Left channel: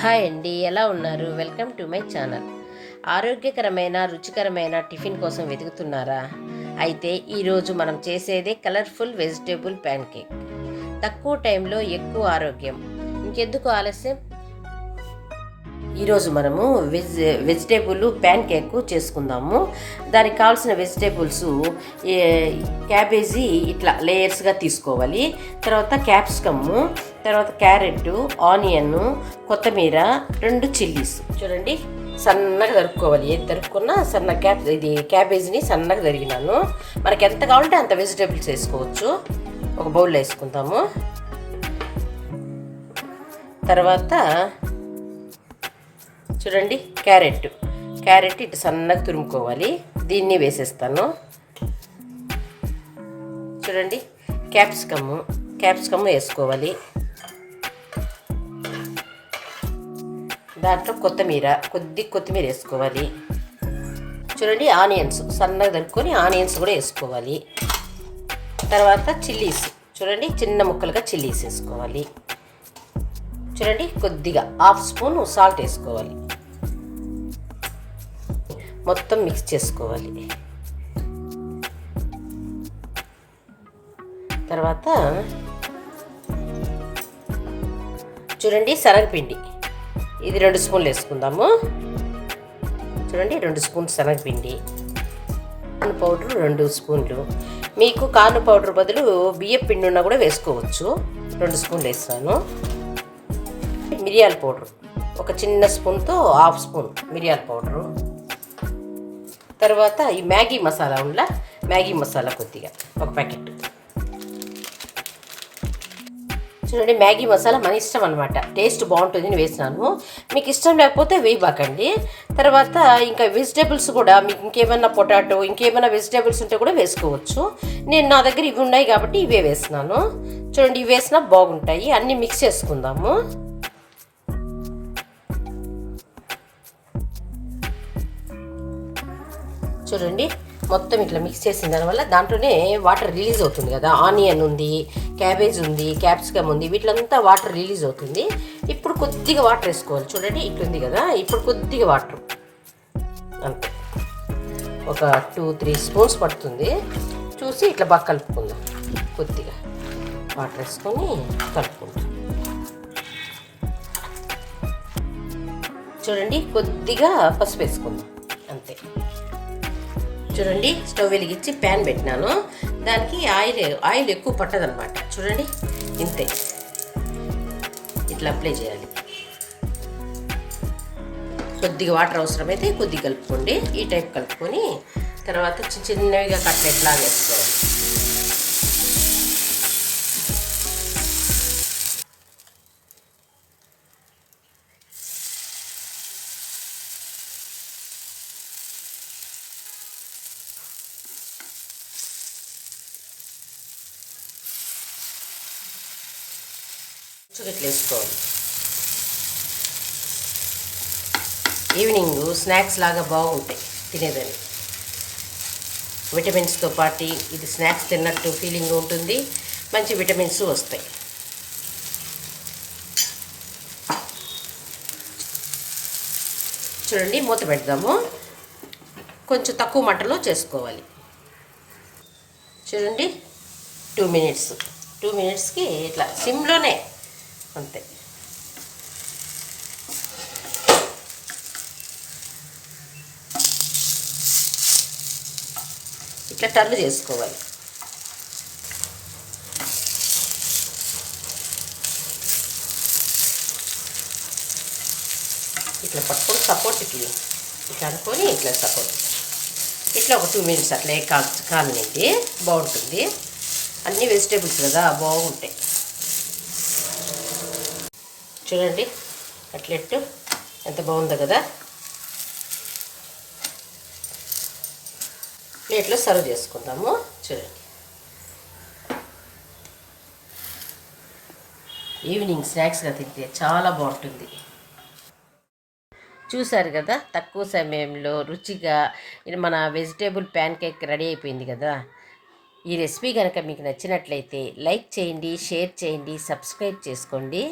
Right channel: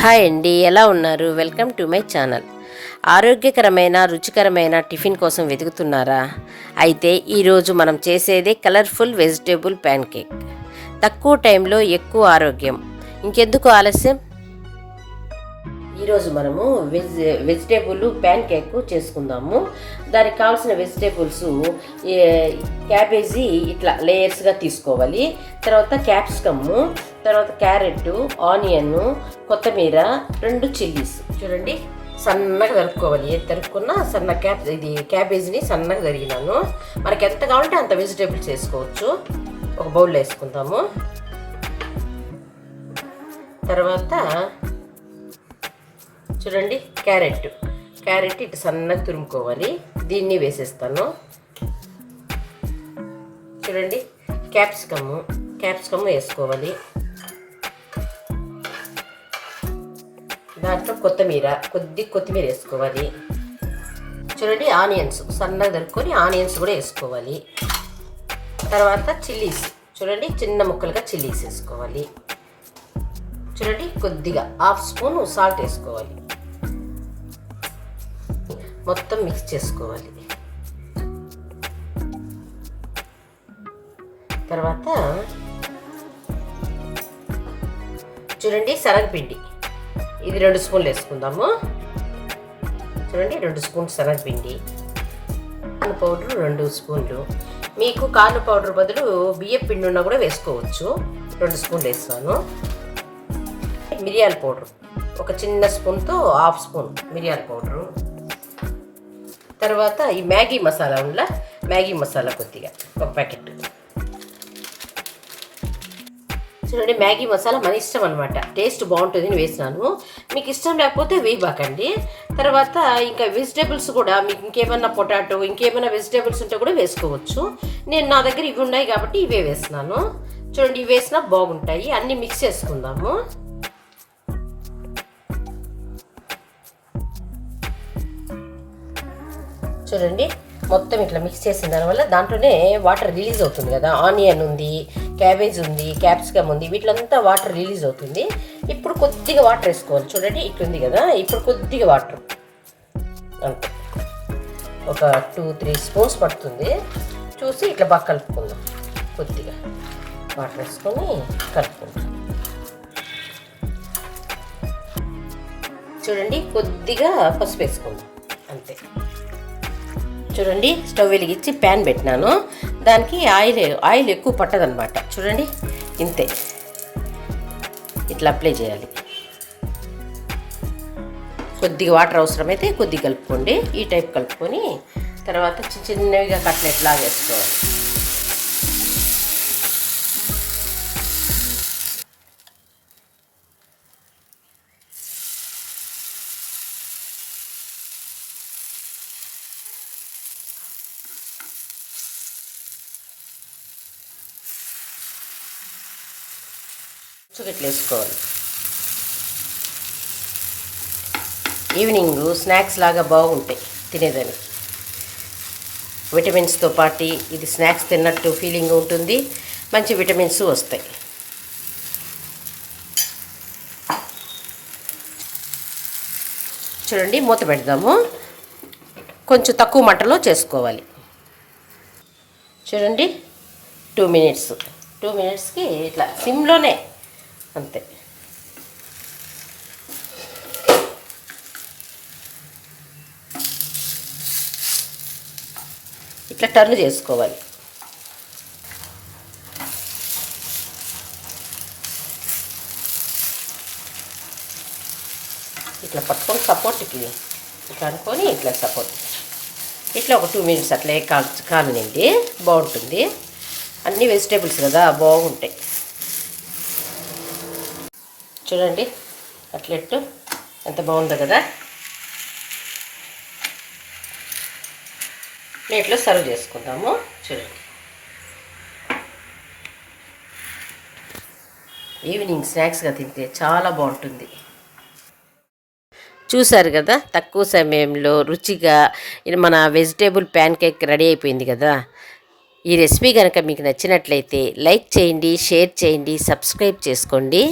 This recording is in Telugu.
హాయ్ అండి, ఎలా ఉన్నారు? Welcome to my channel. ఆరోగ్యకరమైన రుచికరమైన టిఫిన్ కోసం వెతుకుతున్నారా? అయితే ఈరోజు మనం చేసేదే కలర్ఫుల్ వెజిటేబుల్ ప్యాన్ కేక్. తక్కువ టైంలో ఎక్కువ ఆరోగ్యం. ఇంకెందుకు ఆలస్యం? ఈరోజు మనము వెజిటేబుల్ ప్యాన్ కేక్ చేసుకుందాము. దానికి కావాల్సిన వెజిటేబుల్స్ క్యాబేజీ ఇట్లా లేయర్స్గా తీసుకోవాలి. తర్వాత క్యాప్సికము, తర్వాత క్యారెట్, ఆనియన్, కొత్తిమీర, 2 చిల్లీస్ చూడండి సన్నగా తరుక్కోవాలి. ఏది తరుక్కున్నా ఇది క్యాబేజీని సన్నగా తరిగినాను. మనకి ఎంత కావాలంటే అంత వెజిటేబుల్స్ వేసుకోవచ్చు. ఒక బౌల్లో వేసుకుందాము. తర్వాత చూడండి క్యారెట్ ఇటు సన్నగా తురుముకోవాలి. దీన్ని వేసేస్తాను. చూడండి క్యాప్సికమ్ వేసుకోవాలి. దాంట్లో కొత్తిమీర వేసుకోవాలి. చూడండి ఆనియన్స్ సన్నగా తరుక్కొని ఆనియన్స్ కూడా వేసుకోవాలి. తర్వాత చిల్లీస్ చూడండి చిన్న ముక్కలుగా చిల్లీస్ వేసుకోవాలి. చూడండి కొద్దిగా 1/2 స్పూన్ సాల్ట్ వేసుకోవాలి. మొత్తం మిక్స్ చేసుకోవాలి. తర్వాత చూడండి శనగపిండి, ఇది 2 స్పూన్లు వేసుకుందాము. చూడండి 2 స్పూన్లు శనగపిండి. కార్న్ పౌడర్ 2 స్పూన్లు. మీకు కార్న్ పౌడర్ బదులు బియ్యం పిండి ఉన్నా కూడా వేసుకోవచ్చు. 2 స్పూన్లు వేస్తాను. మిరియాల పౌడర్ ఒక చిన్న స్పూన్తో 1/2 స్పూన్ మిరియాల పౌడరు. తర్వాత ఈ మ్యాగీ మసాలా కొద్దిగా ఒక ప్యాకెట్. చూడండి మ్యాగీ మసాలా మన ఇష్టం అనమాట. టేస్ట్ బాగుంటుంది అని వేసినాను. మీకు ఇష్టం లేకపోతే వేయబాకండి. తర్వాత ఇంకా వెజిటేబుల్స్ కూడా మీకు ఇంకేమైనా పొటాటో ఇంకేమైనా వెజిటేబుల్స్ ఉంటే కూడా వేసుకోవచ్చు. నా దగ్గర ఇవి ఉన్నాయి కాబట్టి ఇవే వేసినాను. చూడండి ఇవి వేసినా బాగుంటాయి. అన్నీ మిక్స్ చేసుకుందాము. చూడండి మొత్తం ఇట్లా మిక్స్ చేసిన దానివల్ల దాంట్లోనే వాటర్ రిలీజ్ అవుతుంది కదా. ఆనియన్ ఉంది, క్యాబేజ్ ఉంది, క్యాప్సికమ్ ఉంది, వీటిలంతా వాటర్ రిలీజ్ అవుతుంది. ఇప్పుడు కొద్దిగా వాటర్ వేసుకోవాలి. చూడండి ఇట్లుంది కదా, ఇప్పుడు కొద్దిగా వాటర్ అంతే, ఒక 2-3 స్పూన్స్ పడుతుంది. చూసి ఇట్లా బాగా కలుపుకుందాం. కొద్దిగా వాటర్ వేసుకొని కలుపుకుందాం. చూడండి కొద్దిగా పసుపు వేసుకుందాం అంతే. చూడండి స్టవ్ వెలిగించి ప్యాన్ పెట్టినాను. దానికి ఆయిల్ ఎక్కువ పట్టదనమాట. చూడండి ఇంతే, ఇట్లా అప్లై చేయాలి. కొద్దిగా వాటర్ అవసరమైతే కొద్దిగా కలుపుకోండి. ఈ టైప్ కలుపుకొని తర్వాత చిన్నవిగా కట్లెట్ లాగా వేసుకోవాలి. చుగట్లు వేసుకోవాలి. ఈవినింగ్ స్నాక్స్ లాగా బాగుంటాయి తినేదని. విటమిన్స్తో పాటు ఇది స్నాక్స్ తిన్నట్టు ఫీలింగ్ ఉంటుంది. మంచి విటమిన్స్ వస్తాయి. చూడండి మూత పెడదాము. కొంచెం తక్కువ మంటలో చేసుకోవాలి. చూడండి 2 మినిట్స్కి ఇట్లా సిమ్లోనే అంతే. ఇట్లా టర్న్ చేసుకోవాలి. ఇట్లా పట్టుకొని సపోర్ట్కి ఇట్లా అనుకొని ఇట్లా సపోర్ట్ ఇట్లా ఒక 2 మినిట్స్ అట్లా కామినండి, బాగుంటుంది. అన్ని వెజిటేబుల్స్ కదా బాగుంటాయి. చూడండి కట్లెట్ ఎంత బాగుందో కదా. ప్లేట్లో సర్వ్ చేసుకుందాము. చూడండి ఈవినింగ్ స్నాక్స్గా తింటే చాలా బాగుంటుంది. చూసారు కదా, తక్కువ సమయంలో రుచిగా మన వెజిటేబుల్ ప్యాన్ కేక్ రెడీ అయిపోయింది కదా. ఈ రెసిపీ కనుక మీకు నచ్చినట్లయితే లైక్ చేయండి, షేర్ చేయండి, సబ్స్క్రైబ్ చేసుకోండి.